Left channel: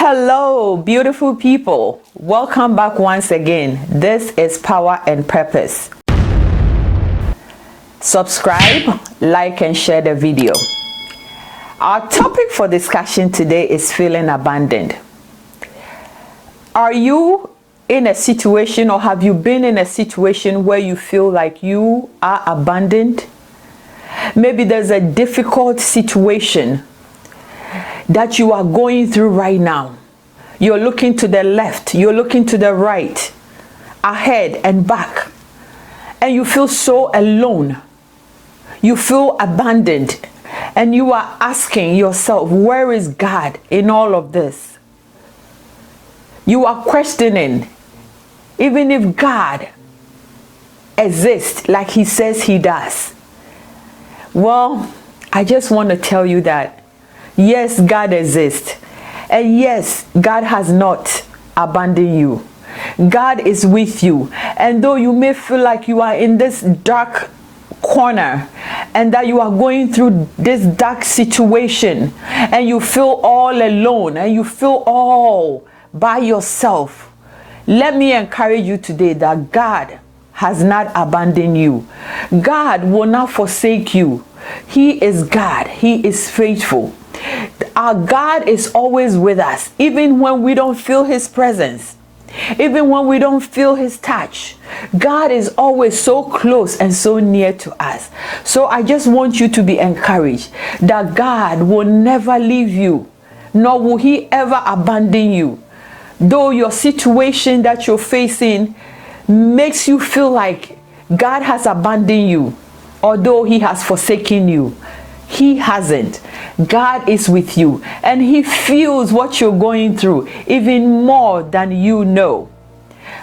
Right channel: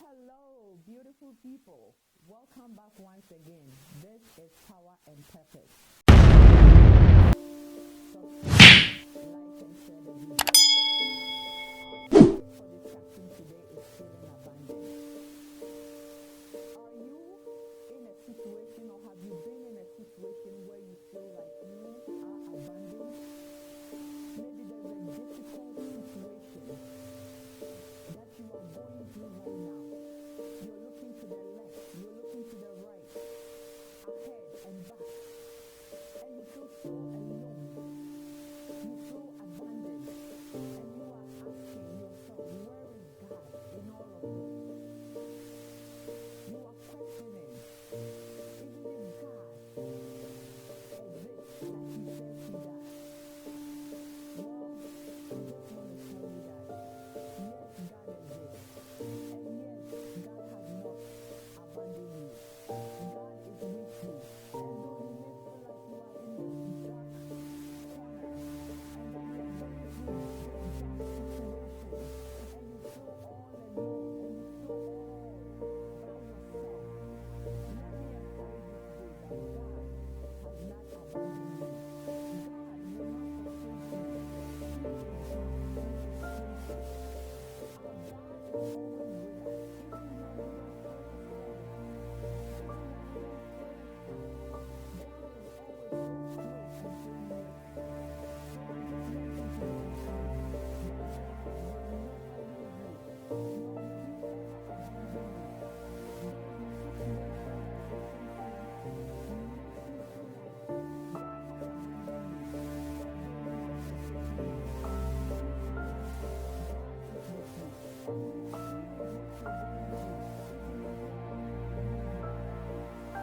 Hello, beautiful people. Welcome back once again. This is Power and Purpose. Subscribe, like, and share the video. Our topic for discussion today is feeling abandoned. Are you in a situation, or have you been in a situation where you feel like you are abandoned? Maybe there's a difficult situation that you are going through right now. You're looking to the left, you're looking to the right, ahead and back, and you feel so alone. You feel abandoned, and you are asking yourself, where is God in all of this? You are questioning, even if God exists like He says He does. Well, I just want to tell you that yes, God exists. And yes, God has not abandoned you. God is with you. And though you may feel like you are in this dark corner and that you are going through this dark situation and you feel all alone and you feel all by yourself, let me encourage you today that God has not abandoned you. God will not forsake you. He is God. He is faithful. Our God is always with us, even when we don't feel His presence, even when we don't feel His touch. God is always so close and so near to us. So I just want you to be encouraged that God will never leave you, nor will He ever abandon you. Though your situation that you're facing makes you feel like God has abandoned you, although He has forsaken you, He hasn't. God is with you, and He feels what you're going through even more than you know.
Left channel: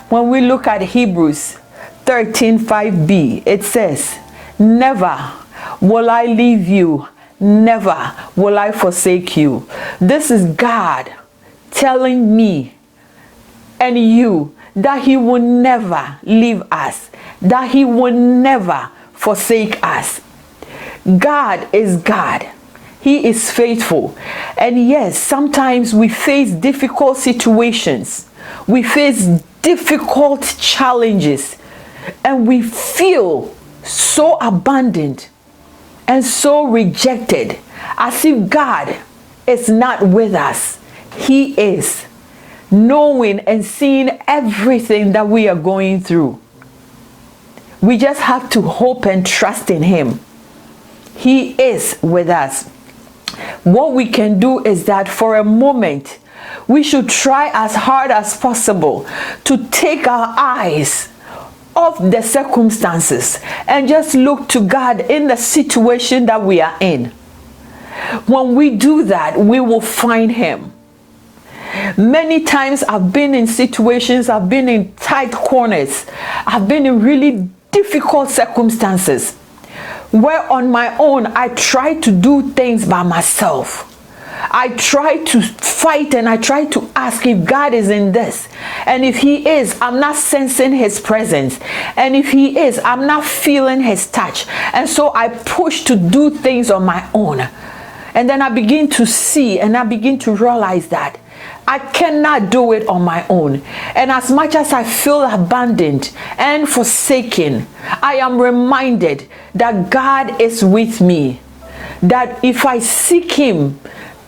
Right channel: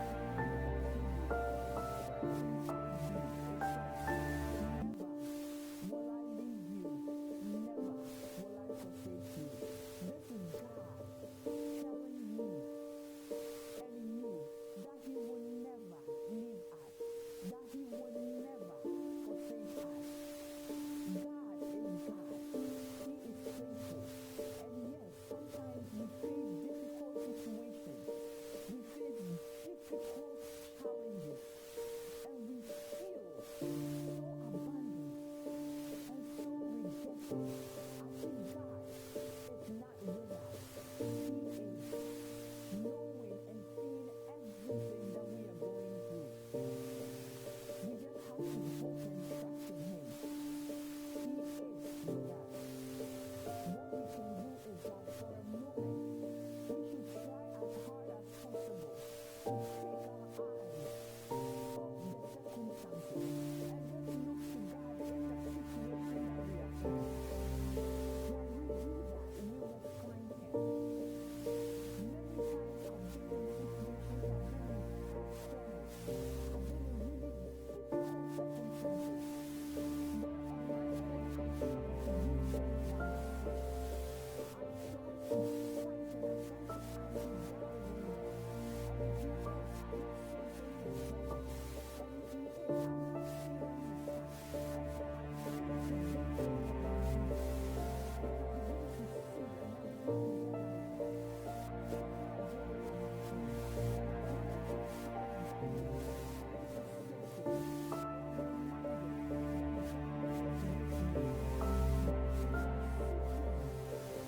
When we look at Hebrews 13:5b, it says, never will I leave you, never will I forsake you. This is God telling me and you that He will never leave us, that He will never forsake us. God is God. He is faithful. And yes, sometimes we face difficult situations. We face difficult challenges. And we feel so abandoned and so rejected, as if God is not with us. He is, knowing and seeing everything that we are going through. We just have to hope and trust in Him. He is with us. What we can do is that for a moment, we should try as hard as possible to take our eyes off the circumstances and just look to God in the situation that we are in. When we do that, we will find Him. Many times I've been in situations, I've been in tight corners, I've been in really difficult circumstances where on my own I try to do things by myself. I try to fight and I try to ask if God is in this. And if He is, I'm not sensing His presence. And if He is, I'm not feeling His touch. And so I push to do things on my own. And then I begin to see and I begin to realize that I cannot do it on my own. And as much as I feel abandoned and forsaken, I am reminded that God is with me. That if I seek Him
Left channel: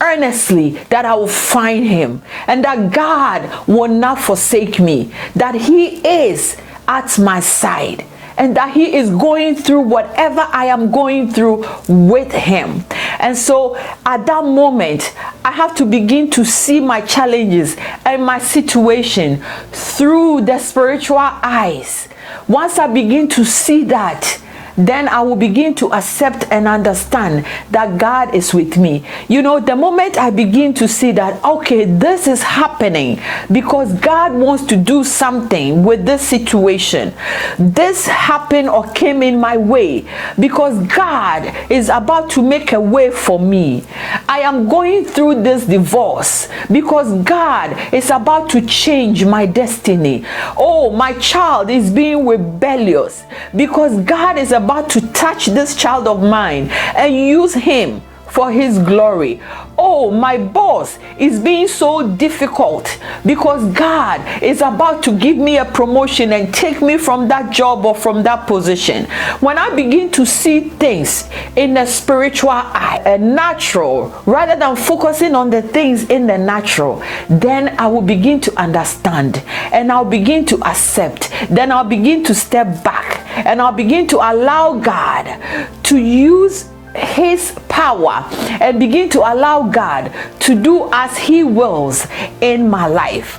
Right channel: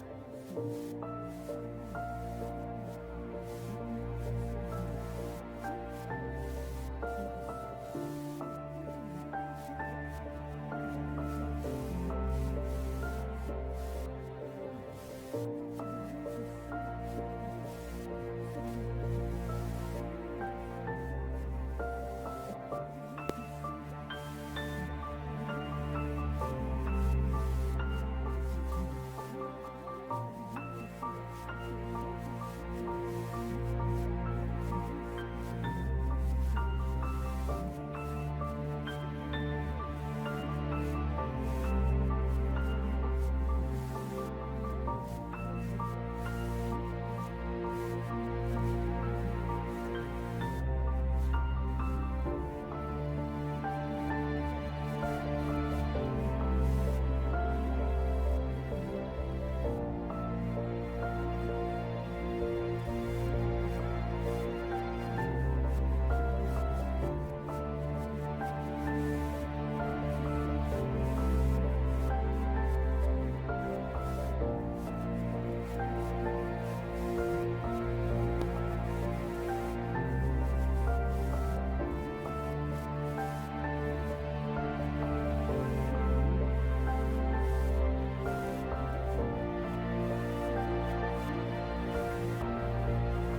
earnestly, that I will find Him. And that God will not forsake me. That He is at my side. And that He is going through whatever I am going through with Him. And so at that moment, I have to begin to see my challenges and my situation through the spiritual eyes. Once I begin to see that, then I will begin to accept and understand that God is with me. You know, the moment I begin to see that, okay, this is happening because God wants to do something with this situation. This happened or came in my way because God is about to make a way for me. I am going through this divorce because God is about to change my destiny. Oh, my child is being rebellious because God is about to touch this child of mine and use him for His glory. oh, my boss is being so difficult because God is about to give me a promotion and take me from that job or from that position. When I begin to see things in the spiritual eye, a natural, rather than focusing on the things in the natural, then I will begin to understand and I'll begin to accept. Then I'll begin to step back and I'll begin to allow God to use his power and begin to allow God to do as he wills in my life.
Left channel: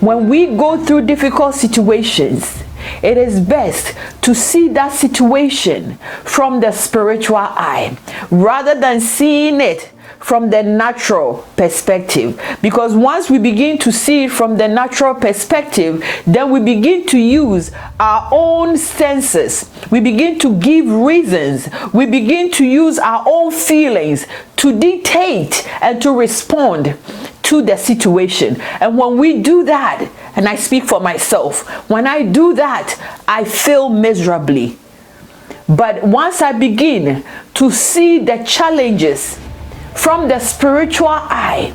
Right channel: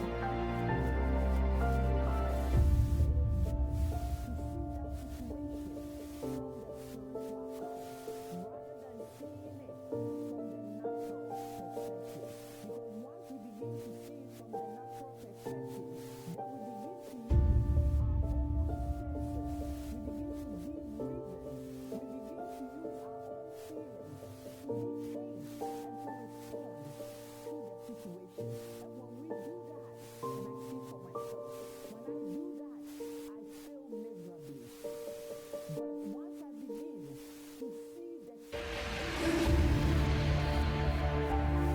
When we go through difficult situations, it is best to see that situation from the spiritual eye rather than seeing it from the natural perspective. Because once we begin to see it from the natural perspective, then we begin to use our own senses. We begin to give reasons. We begin to use our own feelings to dictate and to respond to the situation. And when we do that, and I speak for myself, when I do that, I fail miserably. But once I begin to see the challenges from the spiritual eye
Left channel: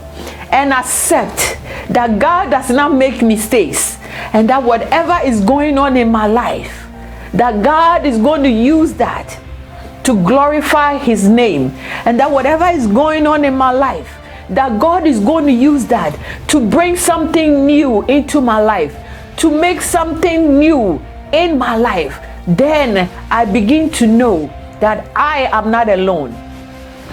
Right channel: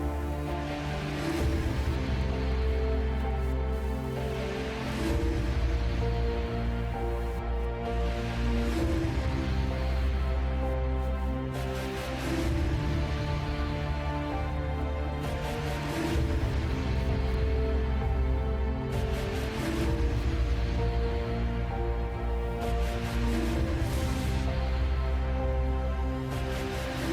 and accept that God does not make mistakes and that whatever is going on in my life, that God is going to use that to glorify his name, and that whatever is going on in my life, that God is going to use that to bring something new into my life, to make something new in my life, then I begin to know that I am not alone,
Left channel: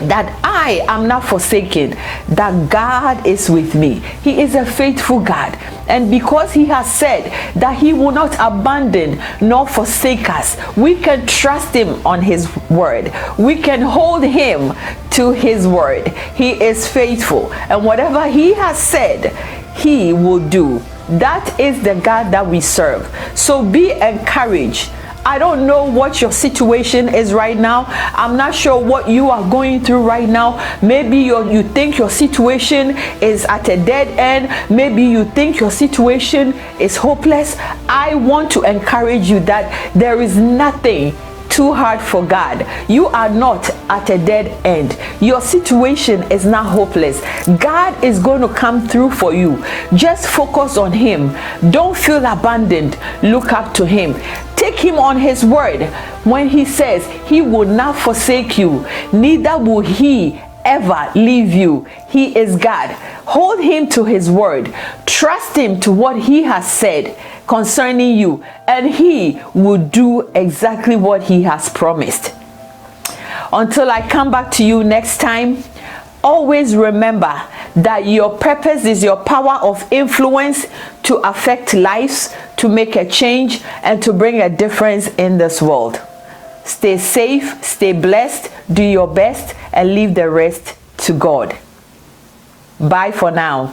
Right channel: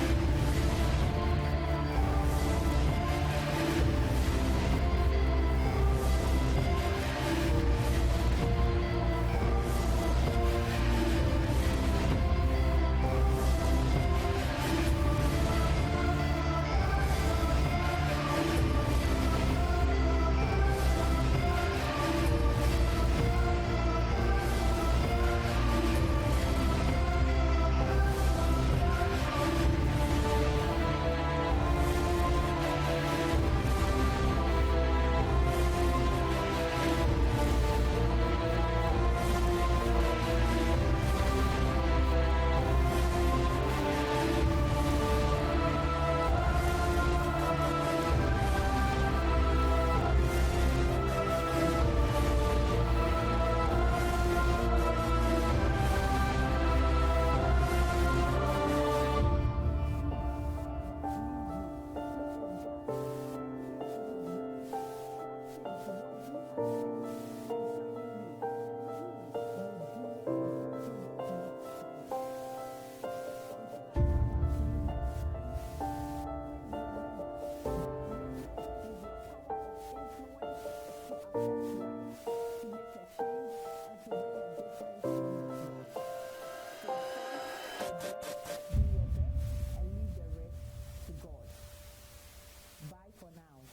that I am not forsaken, that God is with me. He is a faithful God. And because he has said that he will not abandon nor forsake us, we can trust him on his word. We can hold him to his word. He is faithful. And whatever he has said, he will do. That is the God that we serve. So be encouraged. I don't know what your situation is right now. I'm not sure what you are going through right now. Maybe you think your situation is at a dead end. Maybe you think your situation is hopeless. I want to encourage you that there is nothing too hard for God. You are not at a dead end. Your situation is not hopeless. God is going to come through for you. Just focus on him. Don't feel abandoned. Look up to him. Take him on his word when he says he will not forsake you, neither will he ever leave you. He is God. Hold him to his word. Trust him to what he has said concerning you, and he will do exactly what he has promised. Until I come back to you next time, always remember that your purpose is your power of influence to affect lives, to make a change, and to bring a difference in this world. Stay safe, stay blessed, do your best, and leave the rest to God. Bye for now.